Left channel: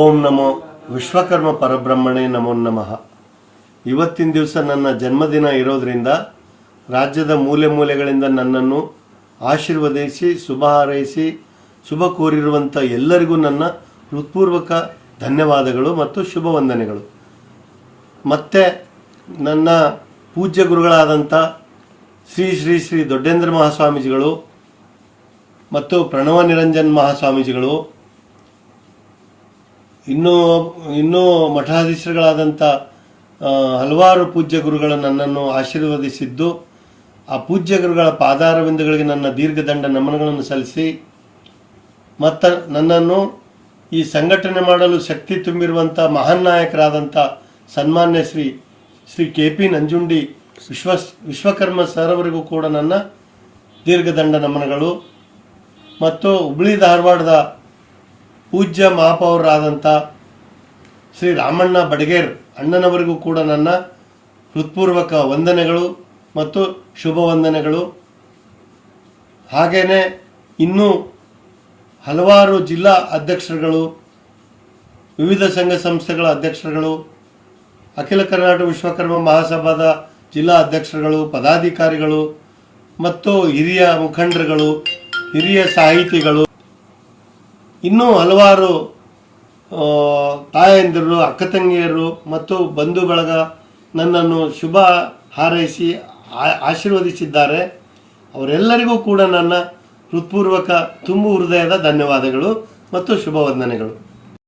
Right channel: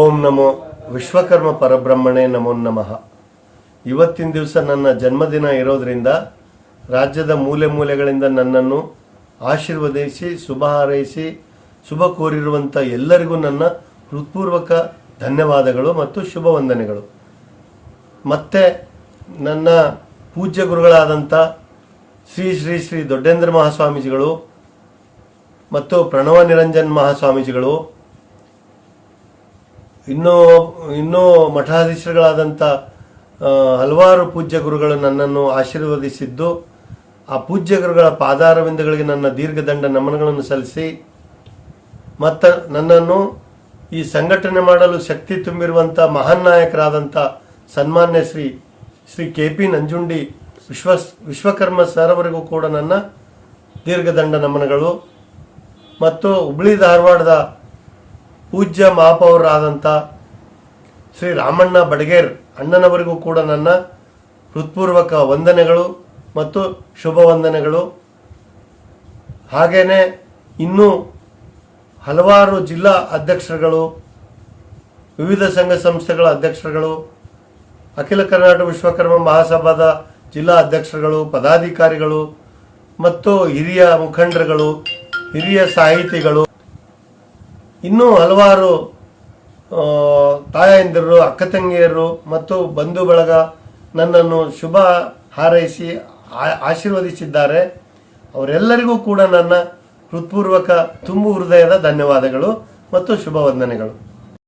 ಓಂ ನಮೋ ವಿಶ್ವಕರ್ಮ ಪರಬ್ರಹ್ಮಣೇ ನಮೋ ನಮಃ. ಇವತ್ತಿನ ದಿವಸ ನನ್ನ ಜನ್ಮದಿನ ಇರೋದ್ರಿಂದ ರಾಜ್ಯದ ಮೂಲೆ ಮೂಲೆಗಳಿಂದ ನನ್ನನ್ನು ಆಶೀರ್ವದಿಸಿ ಶುಭ ಹಾರೈಸಿ ಶುಭ ಕೋರಿರುವಂಥ ಎಲ್ಲರಿಗೂ ನನ್ನ ಹೃತ್ಪೂರ್ವಕ ಧನ್ಯವಾದಗಳು ಮತ್ತು ಶುಭ ವಂದನೆಗಳು. ಮತ್ತೆ ನನ್ನ ಪೂಜ್ಯ ಗುರುಗಳಾದಂಥ ಶ್ರೀ ಶ್ರೀ ಶ್ರೀ ದೊಡ್ಡೇಂದ್ರ ಮಹಾಸ್ವಾಮೀಜಿಗಳು ಮತ್ತು ಪ್ರಣವ ನಿರಂಜನ್ ಮಹಾಸ್ವಾಮೀಜಿಗಳು, ಇನ್ನೂ ಮಠಾಧೀಶರುಗಳಾದಂಥ ಹಲವಾರು ಪೂಜ್ಯ ಗುರುಗಳು ನನ್ನನ್ನು ಆಶೀರ್ವದಿಸಿದ್ದು, ಆ ಪೂಜ್ಯ ಗುರುಗಳ ಪಾದಾರವಿಂದಗಳಿಗೆ ನನ್ನ ದೀರ್ಘದಂಡ ನಮನಗಳನ್ನು ಸಲ್ಲಿಸಿ ಮತ್ತು ನನ್ನನ್ನು ಈ ಸಂಘಟನೆ ಮಾಡಲು ಶಕ್ತಿ ತುಂಬಿರುವಂಥ ಮಹಾನ್ ನಾಯಕರಾದಂಥ ಸನ್ಮಾನ್ಯ ಶ್ರೀ ಕೆ.ಪಿ. ನಂಜುಂಡಿ ವಿಶ್ವಕರ್ಮ ಸರ್ ಅವರಿಗೂ ಕೂಡ ನನ್ನ ದೀರ್ಘದಂಡ ನಮನಗಳು ಮತ್ತು ಹುಬ್ಳಿ ಧಾರವಾಡದ ಪೂಜ್ಯ ಮಹಾಪೌರರಾದಂಥ ಶ್ರೀ ರಾಮಣ್ಣ ಬಡಗೇರ್ ಅಣ್ಣನವರಿಗೂ ಕೂಡ ನನ್ನ ಹೃತ್ಪೂರ್ವಕ ವಂದನೆಗಳು ಮತ್ತು ಶುಭ ವಂದನೆಗಳು. ಹಾಗೆಯೇ ಇನ್ನೂ ಹಲವಾರು ಜಿಲ್ಲಾ ಅಧ್ಯಕ್ಷರುಗಳು, ವಿವಿಧ ಸಂಘ ಸಂಸ್ಥೆಗಳ ಅಧ್ಯಕ್ಷರುಗಳು, ಅಖಿಲ ಕರ್ನಾಟಕ ವಿಶ್ವಕರ್ಮ ಮಹಾಸಭಾದ ಜಿಲ್ಲಾ ಅಧ್ಯಕ್ಷರುಗಳು, ಪದಾಧಿಕಾರಿಗಳು ಮತ್ತು ಹಿರಿಯ ಮುಖಂಡರುಗಳು, ಹಿರಿಯ ಸಾಹಿತಿಗಳು, ಇನ್ನೂ ಹಲವಾರು ತಾಯಂದಿರು, ಅಕ್ಕ ತಂಗಿಯರು ಮತ್ತು ಬಂಧು ಬಳಗ ನನ್ನನ್ನು ಶುಭ ಹಾರೈಸಿ ಆಶೀರ್ವದಿಸಿದ್ದಾರೆ. ಅವರೆಲ್ಲರಿಗೂ ಕೂಡ ನನ್ನ ಹೃತ್ಪೂರ್ವಕ ತುಂಬು ಹೃದಯದ ಧನ್ಯವಾದಗಳು ಮತ್ತು ಶುಭ ವಂದನೆಗಳು.